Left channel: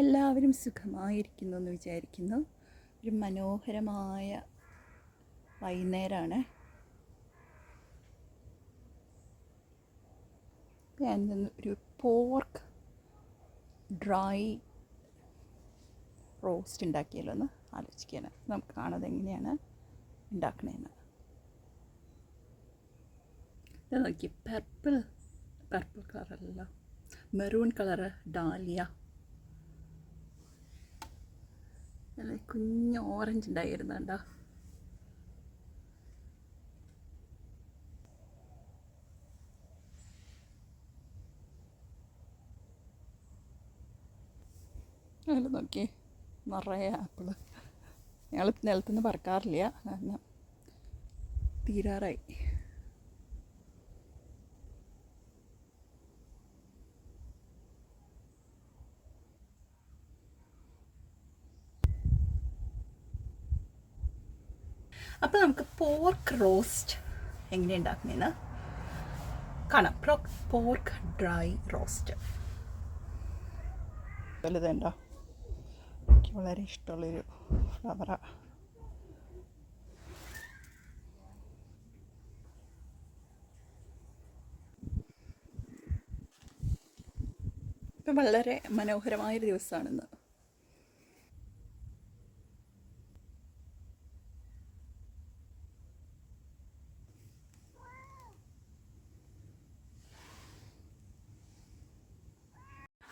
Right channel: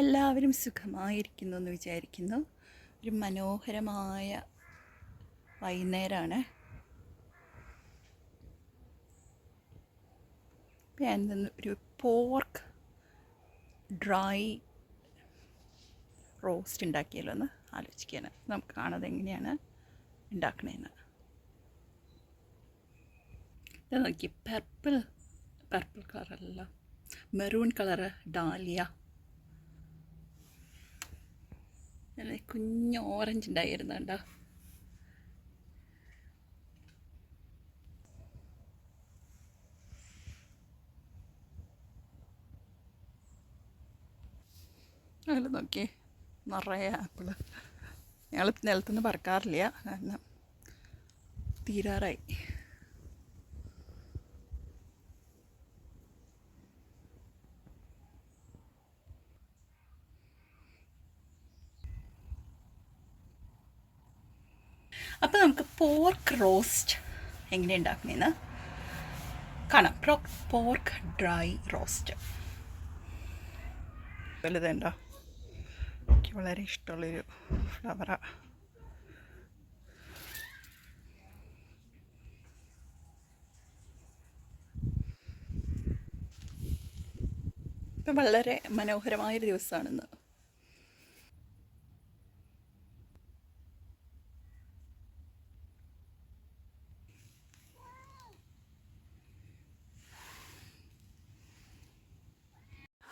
എല്ലാവരും സുഖമായിരിക്കുന്നു എന്ന് വിചാരിക്കുന്നു. ഒരു മനോഹരമായ വൈകുന്നേരമാണ്. ഞാൻ ഒരു പോർക്ക് ഡ്രൈ റോസ്റ്റ് ഉണ്ടാക്കിയല്ലോ എന്ന് ആലോചിക്കുകയാണ്. നമുക്ക് കാണാതെ എങ്ങനെയാണ് ഉണ്ടാക്കണേന്ന്. ഇത് നോക്കി, പർപ്പിൾ കളറല്ല, മെറൂൺ കളറ് ഡാലിയ. കുഞ്ഞ് ഓറഞ്ച് ഉണ്ടായിരുന്നു കണ്ടോ. അതിൽ നോക്കിയേ, നിറയെ ആപ്പിള്. ഞങ്ങൾ നിലത്തുനിന്ന് പറക്കാറില്ല, കാരണം തീരാറായി. അപ്പോൾ നമുക്ക് പോർക്ക് റോസ്റ്റ് എങ്ങനെ ഉണ്ടാക്കണേന്ന് കാണാം. പോർക്ക് ഡ്രൈ റോസ്റ്റ് വലുതുണ്ടോ, എനിക്ക് വളരെ ഇഷ്ടമുള്ളൊരു ഫ്ലവറാണ്. ഇപ്പം വളരെ മനോഹരമായൊരു ദിവസമാണിന്ന്.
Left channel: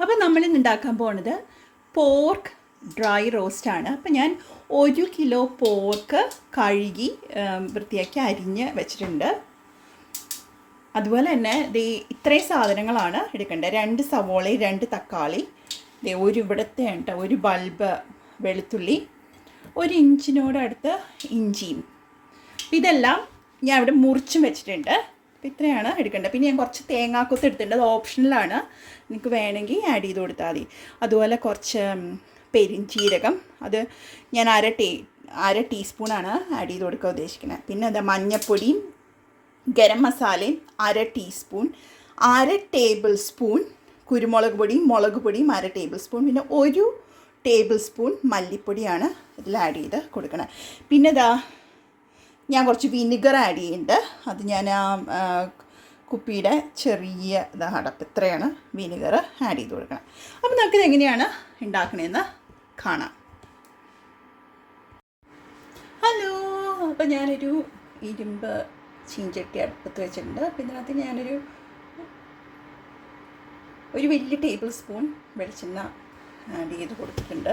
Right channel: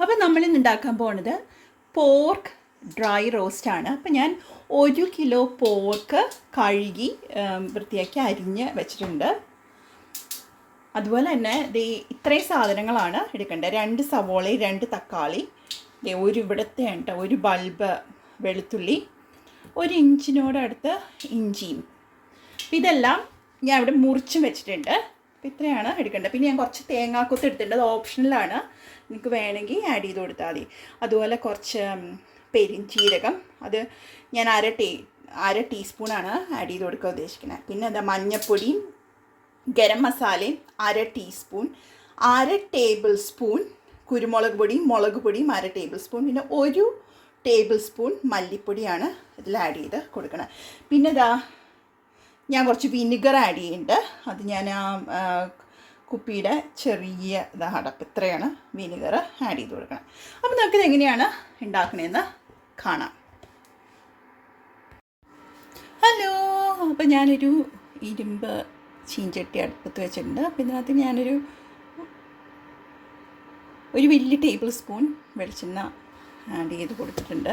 അപ്പോൾ നമ്മളിന്ന് ഉണ്ടാക്കാൻ പോകുന്നത് പോർക്ക് ഡ്രൈ റോസ്റ്റാണ്. അപ്പോൾ ഞാൻ 1 കിലോ പോർക്ക് കഴുകി വൃത്തിയാക്കി അരിഞ്ഞ് വെച്ചിട്ടുണ്ട്. അതുപോലെ തന്നെ ഇത്രയും സാധനങ്ങളാണ് എടുക്കേണ്ടത്. 2 സവോള, 2 തക്കാളി, ഒരു ഇവിടുത്തെ ഉണ്ട്, ഒരു ബൾബ് വെളുത്തുള്ളി, 1 ഇഞ്ചിനോടടുത്ത് ഇഞ്ചിയും. ഇതെല്ലാം ഞാൻ ഇവിടെ മുറിച്ചും വെച്ചിട്ടുണ്ട്. അപ്പോൾ ഇത്രയാണ് എടുക്കേണ്ടത്. പിന്നെ ഞാൻ കുറച്ച് തേങ്ങാക്കൊത്ത് എടുത്തിട്ടുണ്ട്, അത് ഓപ്ഷണലാണ്, നിങ്ങൾക്ക് വേണമെങ്കിൽ ആഡ് ചെയ്ത് കൊടുത്താൽ മതി. അതുപോലെ കുറച്ച് പെരിഞ്ചീരകം, അത് ഞാൻ അര ടീസ്പൂണാണ് ആഡ് ചെയ്ത് കൊടുക്കാൻ ഉദ്ദേശിക്കുന്നത്. പിന്നെ അത് മഞ്ഞൾപ്പൊടിയും ഗരം മസാലയും 1/2 ടീസ്പൂൺ, 1/2 ടേബിൾ സ്പൂൺ കുരുമുളക് പൊടിയും മുളക് പൊടിയും 1/2 ടേബിൾ സ്പൂൺ, പിന്നെ 1 ടേബിൾ സ്പൂൺ മല്ലിപ്പൊടിയാണ് ഇതിൽ ആഡ് ചെയ്ത് കൊടുക്കണം. പിന്നെ ഞാൻ കുറച്ച് വിനിഗർ ആഡ് ചെയ്യുന്നുണ്ട്. അത് ഞാൻ കുപ്പിയുടെ ചെറിയ അടപ്പ് ഇത്രയാണ് വിനിഗർ ആഡ് ചെയ്ത് കൊടുക്കണം. അപ്പോൾ നമുക്കിത് എങ്ങനെയാണ് ഉണ്ടാക്കണതെന്ന് കാണാം. ഹലോ, അപ്പോൾ ഞാനൊരു ഇരുമ്പ് ചീഞ്ചട്ടി അടുപ്പത്ത് വെച്ചിട്ടുണ്ട്. അപ്പോൾ ഇതിനകത്ത് ഞാനൊരു വലിയ ടേബിൾ സ്പൂൺ വെളിച്ചെണ്ണ ആഡ് ചെയ്ത് കൊടുത്തിട്ടുണ്ട്.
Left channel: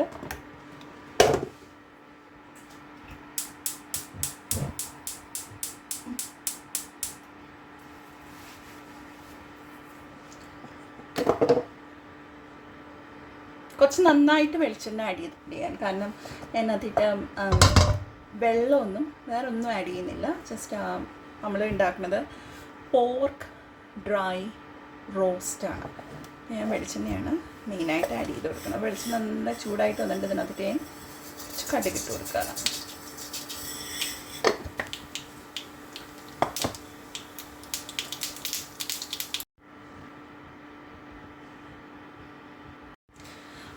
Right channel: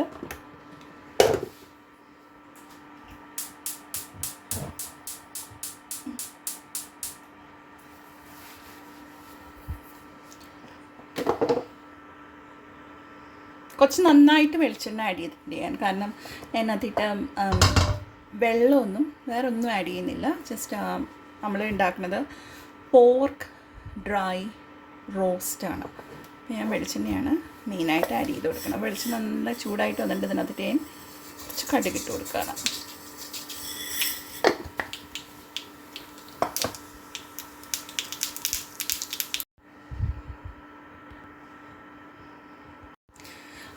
കുറച്ച് നന്നായിട്ട് വെളിച്ചെണ്ണ ആഡ് ചെയ്തിട്ടുണ്ട് ഞാൻ, കാരണം ഞാൻ അതിട്ട് വെള്ളമൊന്നും വേറെ ഒന്നും ആഡ് ചെയ്യുന്നില്ല. ജസ്റ്റ് നമ്മൾ ഉണ്ടാക്കുന്നത് പോർക്ക് ഡ്രൈ റോസ്റ്റാണ്. ഞാൻ വെളിച്ചെണ്ണയാണ് മെയിനായിട്ട് ആഡ് ചെയ്ത് കൊടുക്കുന്നത്. വെളിച്ചെണ്ണ നല്ല ചൂടായിട്ട് വന്നിട്ട് ഇതിനകത്തിട്ട് ഞാൻ കുറച്ച് കടുകിട്ട് കൊടുക്കണം.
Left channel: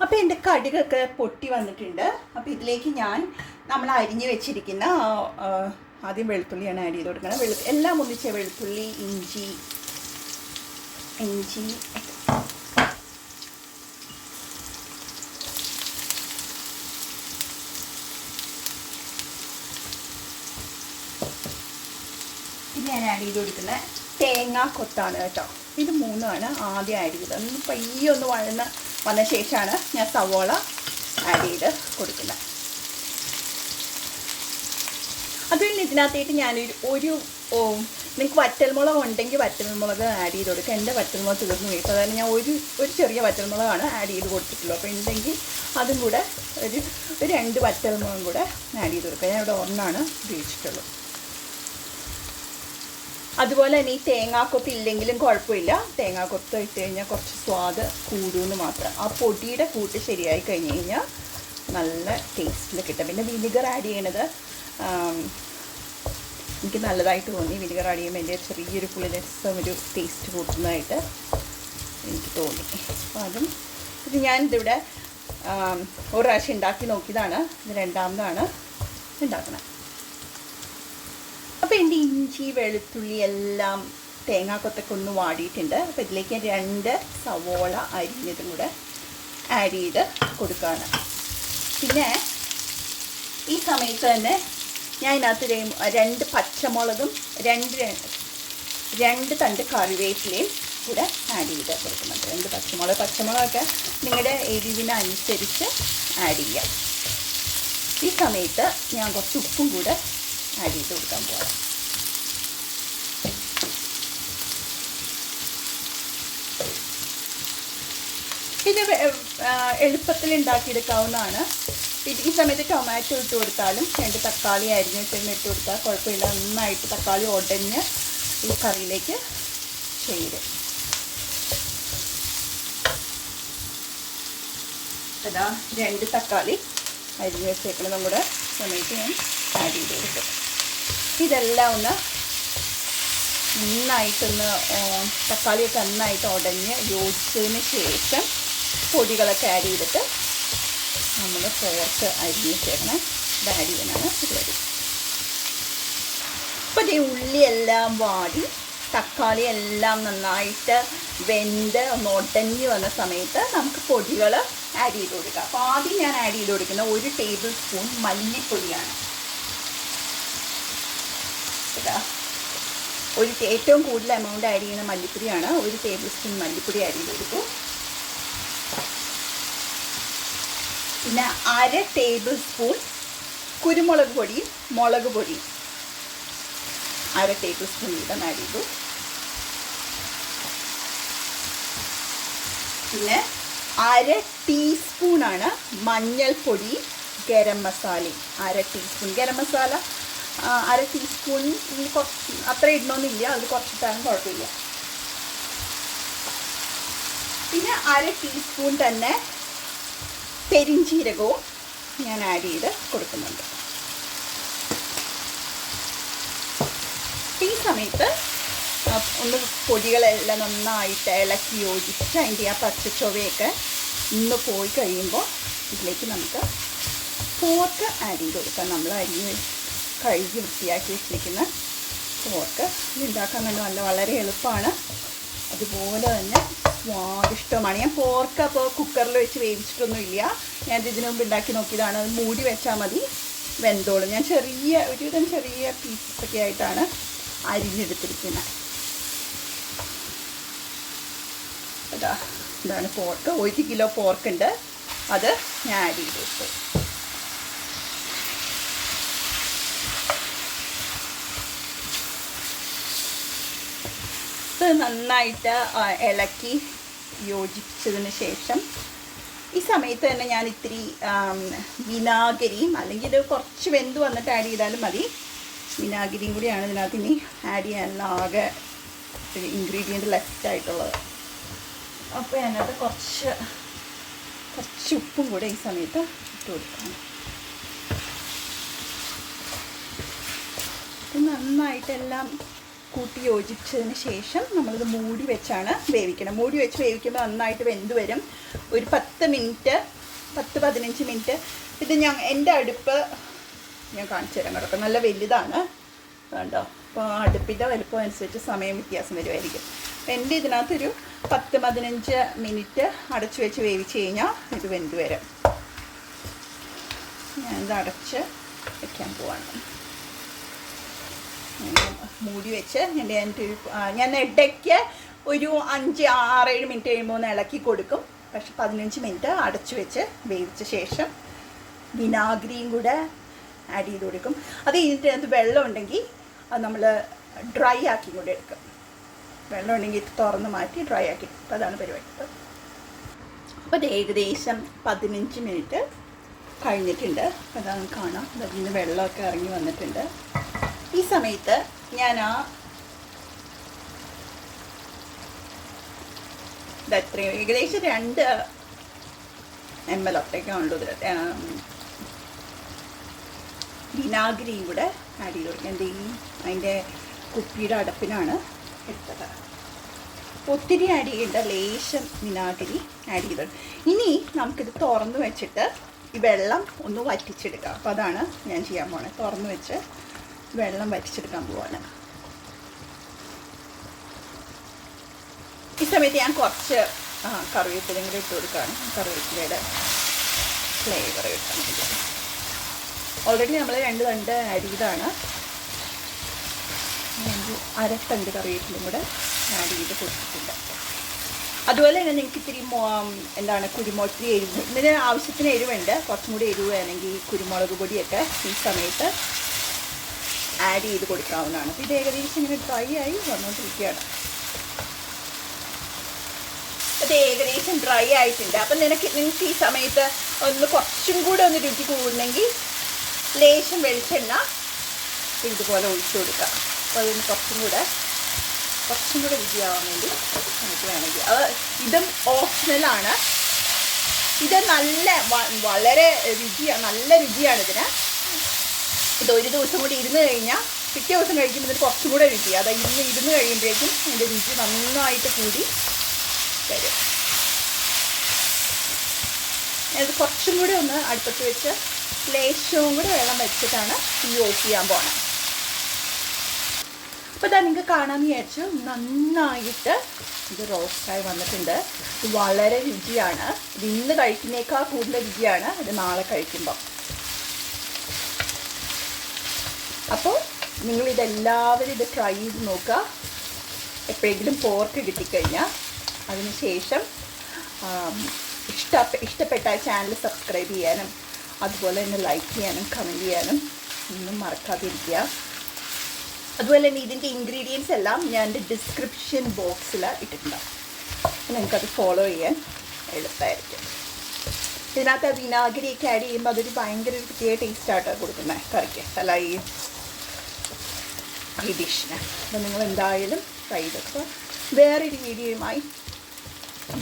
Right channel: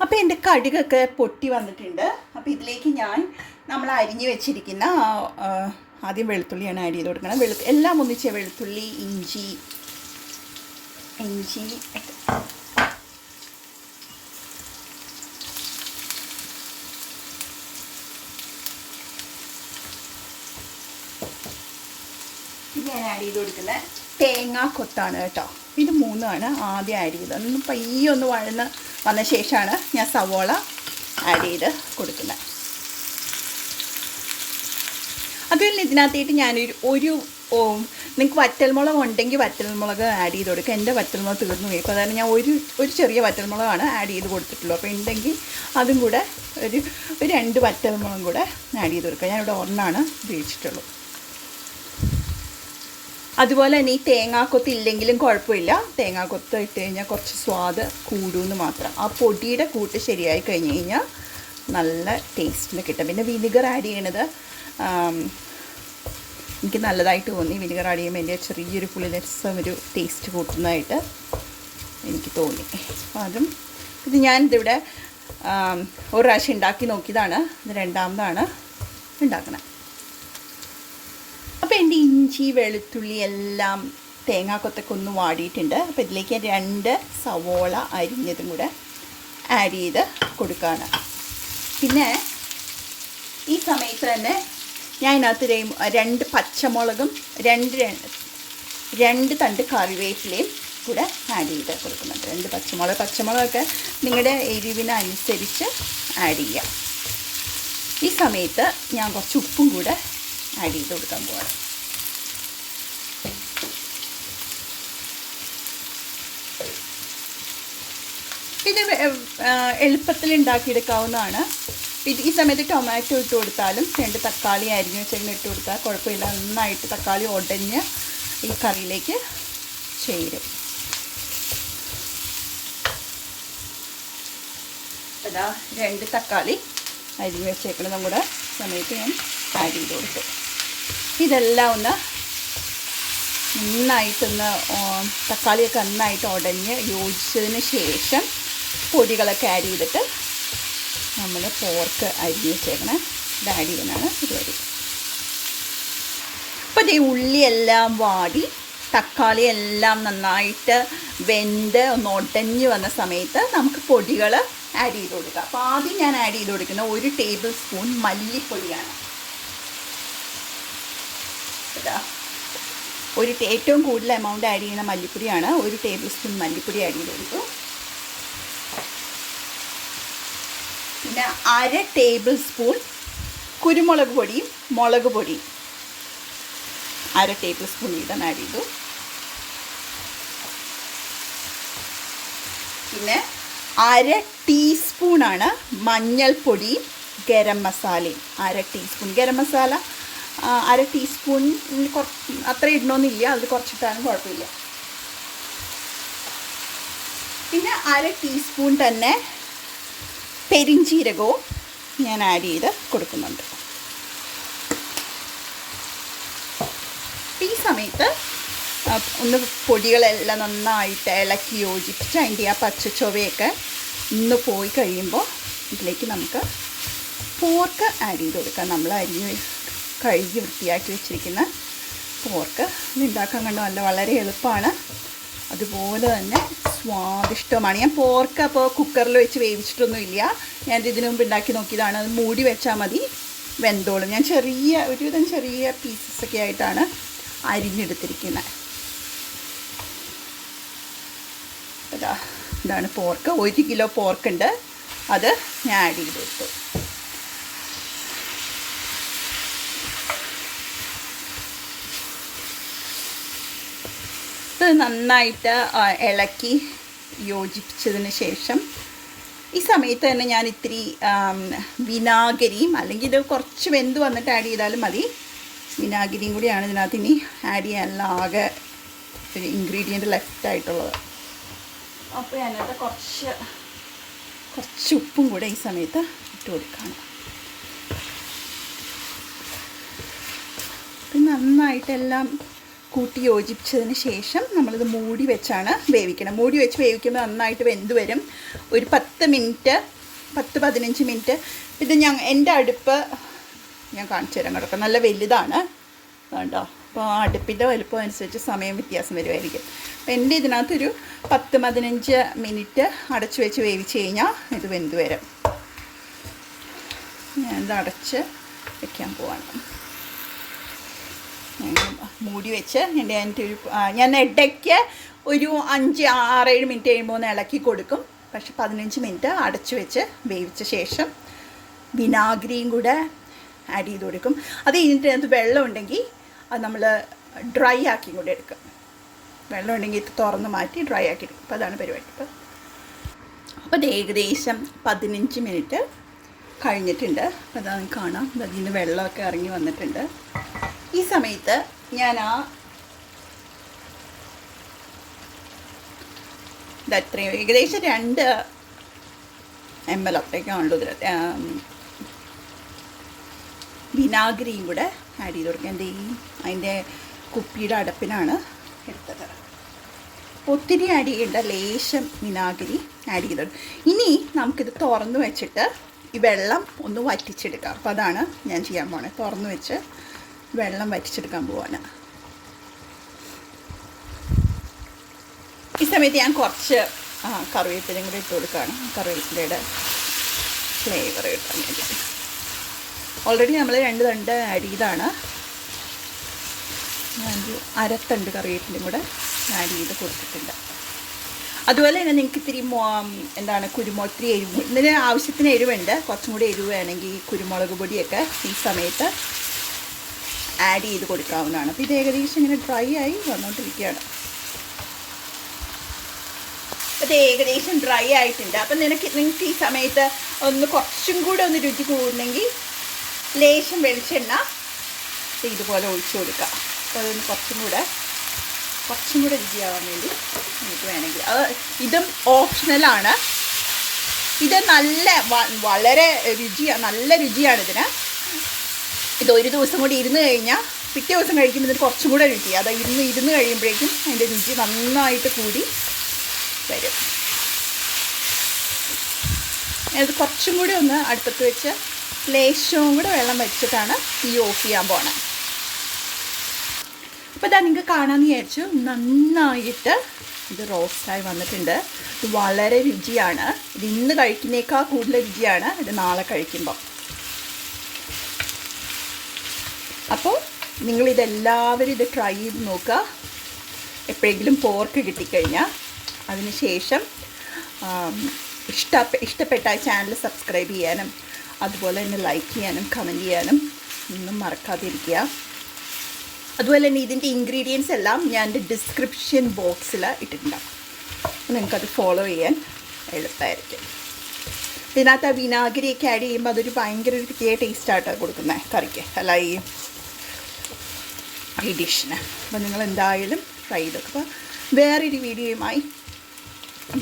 അപ്പോൾ എൻ്റെ കടുകൊക്കെ പൊട്ടി വന്നിട്ടുണ്ട്. അപ്പോൾ ഇതിലേക്ക് നമ്മൾ അരിഞ്ഞ് വെച്ചിരിക്കുന്ന ആദ്യം വെളുത്തുള്ളിയാണ് ആഡ് ചെയ്ത് കൊടുക്കണം. എല്ലാം ഒന്നിച്ച് വെളുത്തുള്ളി, ഇഞ്ചി പിന്നെ ഞാൻ ആഡ് ചെയ്ത് കൊടുക്കുന്നത് തേങ്ങാക്കൊത്താണ് കേട്ടോ. ഇത് 3ആണ് ആദ്യം ആഡ് ചെയ്തത്. അതൊന്ന് പയ്യെ ഒന്ന് വന്ന ശേഷമാണ് ഞാൻ സവോള ആഡ് ചെയ്ത് കൊടുക്കുന്നത്. അതുപോലെ ഇതിനകത്തേക്ക് ഞാനൊരു നിങ്ങൾക്ക് വറ്റൽമുളക് ഉണ്ടെങ്കിൽ വറ്റൽമുളക് ആഡ് ചെയ്ത് കൊടുക്കുക. എൻ്റെ വറ്റൽമുളക് തീർന്നു പോയി, അപ്പോൾ അതാണ് ഞാൻ ഒരു ചെറിയ വറ്റൽമുളകാണ് ആഡ് ചെയ്ത് കൊടുത്തിട്ടുള്ളൂ. അപ്പോൾ ഉണ്ടെങ്കിൽ അതും കൂടെ ഒരു 2 വറ്റൽമുളകും കൂടെ ആഡ് ചെയ്ത് കൊടുക്കുക. ഞാൻ ഇവിടെ 1 ഉപയോഗിച്ചിട്ടുള്ളൂ. അതുപോലെ തന്നെ ഈ തേങ്ങാക്കൊത്ത് ഇല്ലെങ്കിലും കുഴപ്പമില്ല, തേങ്ങാക്കൊത്ത് ഇട്ട് കഴിഞ്ഞാൽ കുറച്ച് സ്വാദ് കൂടുമെന്ന് മാത്രം. ആ പൊടിയുടെ കൂട്ട് ശരിയായി കഴിഞ്ഞ് കഴിഞ്ഞാൽ നല്ല ടേസ്റ്റിൽ കിട്ടും. പിന്നെ വിനിഗർ ആഡ് ചെയ്യണത് എനിക്ക് നല്ലതായിട്ട് തോന്നി. വിനിഗർ ആഡ് ചെയ്യുമ്പോൾ എൻ്റെ ചെറിയൊരു പുളിരസം ഒരു ടേസ്റ്റ് കൂട്ടുന്നതായിട്ട് എനിക്ക് തോന്നി. അപ്പം ഇത് ഞാനിതിവിടെ ഒരു പ്രാവശ്യം ഉണ്ടാക്കി നോക്കിയതാണ്, ഇത് രണ്ടാമതാണ് ഉണ്ടാക്കുന്നത്. അപ്പോൾ എൻ്റെ ഇഞ്ചി വെളുത്തുള്ളി എല്ലാം തേങ്ങാക്കൊത്തൊക്കെ ഒന്ന് വാടിയിട്ടുണ്ട്. അപ്പോൾ ഇതിലേക്ക് 2 സവോള അരിഞ്ഞതും കൂടെ ആഡ് ചെയ്ത് കൊടുക്കുകയാണ്. പിന്നെ ഈ സമയത്ത് തന്നെ ഞാൻ ഇതിനകത്ത് 2 പച്ചമുളകും 2 തണ്ട് കറിവേപ്പിലയും കൂടെ ആഡ് ചെയ്ത് കൊടുക്കുന്നുണ്ട്. 2 പച്ചമുളകൊക്കെ നിങ്ങളുടെ എരിവിനനുസരിച്ച് ആഡ് ചെയ്യാം. ഈ സമയത്ത് ഞാൻ കുറച്ച് ഉപ്പും കൂടെ ആഡ് ചെയ്ത് കൊടുക്കാൻ പോകാം. ഇത് എളുപ്പത്തിൽ ഉണ്ടാക്കിയെടുക്കാവുന്നതാണ്. ഈ സമയത്ത് ടൊമാറ്റോ ഇട്ട് കൊടുത്താലും 2 തക്കാളി അരിഞ്ഞ് വെച്ചെങ്കിലും ഇട്ട് കൊടുത്താൽ കുഴപ്പമില്ല. നന്നായിട്ട് തക്കാളി ഉടഞ്ഞ് ഈ കറിയിലേക്ക് ചേരും. അതാ 2 തക്കാളി അരിഞ്ഞ് വെച്ചേക്കണം നമ്മുടെ സമയത്ത് ഞാൻ ആഡ് ചെയ്ത് കൊടുക്കും. ഇതെല്ലാം ഒന്ന് നന്നായിട്ടൊന്ന് തക്കാളിയൊക്കെ നന്നായിട്ട് ഉടഞ്ഞ് യോജിച്ചതിന് ശേഷം പൊടികളൊക്കെ ആഡ് ചെയ്തിട്ട് നമ്മൾ പോർക്ക് അരിഞ്ഞ് വെച്ചേക്കണം. ഇത് ആഡ് ചെയ്യാനാണ് പരിപാടി. അപ്പോൾ ഈ ഉള്ളിയെല്ലാം വാടി തക്കാളി എല്ലാം നന്നായിട്ട് വെന്ത് ഒന്ന് ഉടഞ്ഞ് വന്ന സമയത്ത് നമുക്ക് പൊടികൾ ആഡ് ചെയ്ത് കൊടുക്കുക. അപ്പോൾ ആദ്യം ഞാൻ ആഡ് ചെയ്ത് കൊടുക്കുന്ന 1 ടേബിൾ സ്പൂൺ മല്ലിപ്പൊടിയാണ്. ഏറ്റവും കൂടുതൽ എമൗണ്ട് ആഡ് ചെയ്യുന്ന മല്ലിപ്പൊടിയാണ്. 1 ടേബിൾ സ്പൂൺ മല്ലിപ്പൊടി ആഡ് ചെയ്ത് കൊടുക്കും. പിന്നെ 1/2 ടേബിൾ സ്പൂൺ കുരുമുളക് പൊടിയും മുളക് പൊടിയും 1/2 ടേബിൾ സ്പൂൺ വീതം ആഡ് ചെയ്തു. പിന്നെ 1/2 ടീസ്പൂണാണ് മഞ്ഞൾപ്പൊടിയും ഗരം മസാലയും. 1/2 ടീസ്പൂൺ ഗരം മസാല 1/2 ടീസ്പൂൺ അത്ര ഇടണമെന്നില്ല, അത് കുറച്ചിട്ടാലും കുഴപ്പമില്ല. പിന്നെ 1/2 ടീസ്പൂൺ തന്നെ പെരിഞ്ചീരകവും ഞാൻ ആഡ് ചെയ്ത് കൊടുക്കുന്നുണ്ട്. ഈ സമയത്ത് ഒന്ന് പൊടികളെല്ലാം നന്നായിട്ട് ഇളക്കി യോജിച്ച് അതിൻ്റെ ആ പച്ചച്ചൊവയൊക്കെ ഒന്ന് പോയി കഴിയുമ്പോൾ ഇതിലേക്ക് നമുക്ക് പോർക്ക് ആഡ് ചെയ്ത് കൊടുക്കാം. നമ്മൾ കഴുകി വൃത്തിയാക്കി വെച്ചിരിക്കുന്ന പോർക്ക് ഇതുണ്ടാക്കാൻ കണ്ട് വളരെ എളുപ്പമാണ്, അതുപോലെ തന്നെ സ്വാദിഷ്ടമാണ്. ഞാൻ പോർക്ക് അപ്പോൾ കുക്കറിൽ വെച്ച് വേവിച്ചിട്ടൊന്നുമില്ല. ഞാനിത് ഇതിനു മുമ്പ് ഉണ്ടാക്കി നോക്കിയതാണ്. അത് മൂടി വെച്ചാൽ മതി, വെന്തോളും. ഞാൻ ഒരുവിധം ചെറിയ പീസസൊക്കെ ആയിട്ടാണ് അരിഞ്ഞെടുത്തിരിക്കുന്നത്. ഇതാണ് പോർക്ക്. 1 കിലോ പോർക്കുണ്ട്, അത് ഞാൻ ആഡ് ചെയ്ത് കൊടുത്തു. ഇത് നന്നായിട്ട് ഇളക്കി യോജിപ്പിച്ചതിന് ശേഷം ഈ സമയത്ത് തന്നെ ഞാൻ ഇത്തിരി വിനാഗിരിയും, അല്ലെങ്കിൽ ഇത് കുറച്ച് വെന്ത് വന്നിട്ട് ആഡ് ചെയ്താലും മതി, വിനാഗിരിയും കൂടിയാണ് ഇതിനകത്ത് ഇനി ആഡ് ചെയ്യാനുള്ള ആകെ ഒരു ഇൻഗ്രീഡിയൻറ്റ് ലെഫ്റ്റ് ആയിട്ടുള്ളത്. അപ്പോൾ അതിനകത്ത് കുറച്ച് ഉപ്പും കൂടെ ഈ സമയത്ത് ഇട്ട് കൊടുക്കണം. നന്നായിട്ടെല്ലാം കൂട്ടി യോജിപ്പിച്ചതിന് ശേഷം നമ്മളിത് മൂടി വെച്ചാണ് വേവിക്കണം. മൂടി വെച്ച് വേവിക്കുമ്പോൾ നന്നായിട്ട് വെന്ത് വരും. ഒരു 10-15 മിനിറ്റ്. ഇത് എൻ്റെ അടുപ്പ് ഞാൻ കാണിച്ചു തരാൻ കിടക്കാം, നല്ല വലുതാണ് കണ്ടോ. അപ്പോൾ അടുപ്പിൻ്റെ വലുപ്പം അനുസരിച്ച് സമയം വ്യത്യാസം വരുമായിരിക്കും. അപ്പോൾ എൻ്റെ ഇതിനകത്തൊരു 10-15 മിനിറ്റ് അടച്ചു വെച്ച് വേവിച്ച് കഴിഞ്ഞാൽ ഇത് വെന്ത് വരും. ഞാനിത് അടച്ച് വയ്ക്കാൻ പോവാണ്. മൂടി വെച്ച് ഞാൻ ഇടയ്ക്ക് ഒരു 5-6-7 മിനിറ്റ് കഴിയുമ്പോൾ ഒന്ന് ഇളക്കി കൊടുക്കും. പക്ഷെ 15 മിനിറ്റ് അടച്ചു വെച്ച് വേവിച്ച ശേഷം വിനാഗിരിയും കൂടെ ആഡ് ചെയ്ത് കൊടുക്കും. അത് കഴിഞ്ഞിട്ട് അതിനകത്ത് വെള്ളം ഉണ്ടെങ്കിൽ അത് നമ്മൾ ഡ്രൈ ആക്കി കൂടെ എടുക്കും. വെള്ളം ഉണ്ടെങ്കിൽ തുറന്ന് മാറ്റി ഡ്രൈ ആക്കി എടുക്കും. അപ്പോൾ അതാണ് പരിപാടി. അപ്പോൾ അത് ഏകദേശം 15 മിനിറ്റ് കഴിഞ്ഞിട്ടുണ്ട്. അപ്പോൾ അതാണ് കാണാം, അതിൽ നിന്ന് വെള്ളമൊക്കെ ഇറങ്ങി വന്നിട്ടുണ്ട്. ഈ സമയത്ത് ഞാൻ ഇത്രയും ഏകദേശം 2 ml അത്രയ്ക്കാണല്ലോ ഇതിൽ വിനാഗിരിയും കൂടെ ആഡ് ചെയ്ത് കൊടുക്കുക. അതിൻ്റെ കുപ്പിയുടെ അടപ്പിനാണ് എടുത്തത്. ഒത്തിരി ആഡ് ചെയ്യേണ്ട, ലേശം വിനാഗിരി ആഡ് ചെയ്തിട്ടുണ്ട്. ഇനി നമുക്കിത് തുറന്ന് വെച്ചിട്ട് ഈ വെള്ളം ഒന്ന് വറ്റിച്ചെടുക്കാം. അപ്പോൾ അതാണ് ഞാൻ ചെയ്യാൻ പോകുന്നത്. തുറന്ന് വെച്ച് വെള്ളം വറ്റിച്ചെടുക്കാൻ പോവാണ്. ഈ സമയത്ത് ഞാൻ കുറച്ച് കറിവേപ്പിലയും കൂടെ ഇട്ട് കൊടുക്കുകയാണ്. കറിവേപ്പിലയുടെ ഫ്ലേവർ കിട്ടാൻ വേണ്ടി. ഓൾറെഡി നമ്മൾ 2 തണ്ട് ആഡ് ചെയ്താണ്. അരത്തണ്ട് കറിവേപ്പിലയും കൂടെ ആഡ് ചെയ്ത് കൊടുത്തിട്ടുണ്ട്. അതുപോലെ തന്നെ നിങ്ങൾക്ക് ഇത്തിരി എന്താണ് കുരുമുളക് എരിവ്, ഇതിന് ആവശ്യത്തിന് എരിവുണ്ട്. കുറച്ചും കൂടി എരിവ് വേണമെങ്കിൽ കുരുമുളക് പൊടിയൊക്കെ ഈ സമയത്ത് ആഡ് ചെയ്ത് കൊടുക്കാവുന്നതാണ്. അപ്പോൾ ഇത് ഏകദേശം ഇങ്ങനെ ഡ്രൈ ആയി വന്നുകൊണ്ടിരിക്കുകയാണ്. അത് ഏകദേശം ഡ്രൈ ആയിട്ടുണ്ട്. അപ്പം നിങ്ങൾക്ക് ഈ സമയത്ത് ഒന്ന് കുറച്ചും കൂടെ ഒന്ന് രുചി കൂടണമെങ്കിൽ ലേശം വെളിച്ചെണ്ണ ഇതുപോലെ ഒഴിച്ചു കൊടുക്കാം. അപ്പോൾ അതിന് കുറച്ചും കൂടെ രുചിയാവാൻ വേണ്ടി നമുക്ക് വേണമെങ്കിൽ ഇതും ഓപ്ഷണലാണ്. ഇത് വളരെ നല്ല രുചിയാണ് ഇതിന്. ഇത് ഒരു ദിവസം കൂടി ഇരുന്ന് കഴിഞ്ഞാൽ പിറ്റേ ദിവസം കഴിക്കുമ്പോൾ ഇതിന് കുറച്ചും കൂടെ രുചിയാണ്. അത് ഇരുന്ന് കഴിയുമ്പോഴേക്കും അതിൻ്റെ രുചി നന്നായിട്ട് കൂടി വരും. അത് കുറച്ചും കൂടി ഒന്ന് അടുപ്പത്ത് വെച്ച് ലേശവും കൂടെ വെള്ളം വെച്ചിട്ടാണ് തീ ഓഫ് ചെയ്യാൻ പോകണം. അപ്പോൾ ഇതാ നിങ്ങൾക്ക് കാണാമെന്ന് വിചാരിച്ചു. നന്നായിട്ട് ഇത് റോസ്റ്റായി വന്നിട്ടുണ്ട്. ഇത് വളരെ രുചിയാണ്. ഇത് ഇന്ന് കഴിക്കുന്നേക്കാൾ കൂടുതൽ രുചിയാണ് ഇത് നാളെ കഴിക്കുമ്പോൾ. അപ്പോൾ നിങ്ങളിതെല്ലാവരും ഇത് ട്രൈ ചെയ്ത് നോക്കുക. എപ്പോഴെങ്കിലും പോർക്ക് കിട്ടിക്കഴിഞ്ഞാൽ അതിനുശേഷം ഇഷ്ടപ്പെട്ട ചാനൽ സബ്സ്ക്രൈബ് ചെയ്യാനും അതുപോലെ തന്നെ ലൈക്ക് ചെയ്യാനും കമൻറ്റ് ചെയ്യാനും ഒന്നും മറക്കാതിരിക്കുക. അതുപോലെ തന്നെ ഇതിൻ്റെ ഇൻഗ്രീഡിയൻസ് എല്ലാം ഞാൻ എൻ്റെ ഡിസ്ക്രിപ്ഷൻ ബോക്സിൽ ഇട്ടിട്ടുണ്ടാവും. നിങ്ങൾക്കത് ഫോളോ ചെയ്യാൻ എളുപ്പമായിരിക്കും. ഇതിനകത്ത് വിനാഗിരിയൊക്കെ ആഡ് ചെയ്യുമ്പോൾ അതൊരു ഭയങ്കര ഒരു പ്രത്യേക ടേസ്റ്റായിട്ടാണ് കൊടുക്കുന്നത് കറിക്ക്, അല്ല ഈ ഡിഷിന്. അപ്പോൾ നിങ്ങൾ എന്തായാലും ട്രൈ ചെയ്തൊക്കെ. വേറൊരു വീഡിയോയുമായി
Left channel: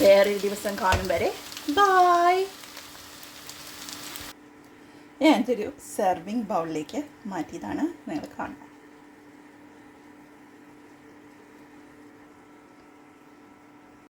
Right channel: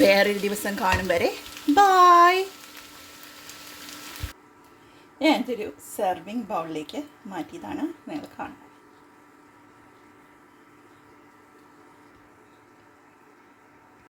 വേറൊരു ദിവസം കാണും വരെ ബായ്. ഞാനൊരു സെർവിങ് ബൗളിലേക്ക് മാറ്റിയതാണ്, നിങ്ങൾ കാണുന്നത്.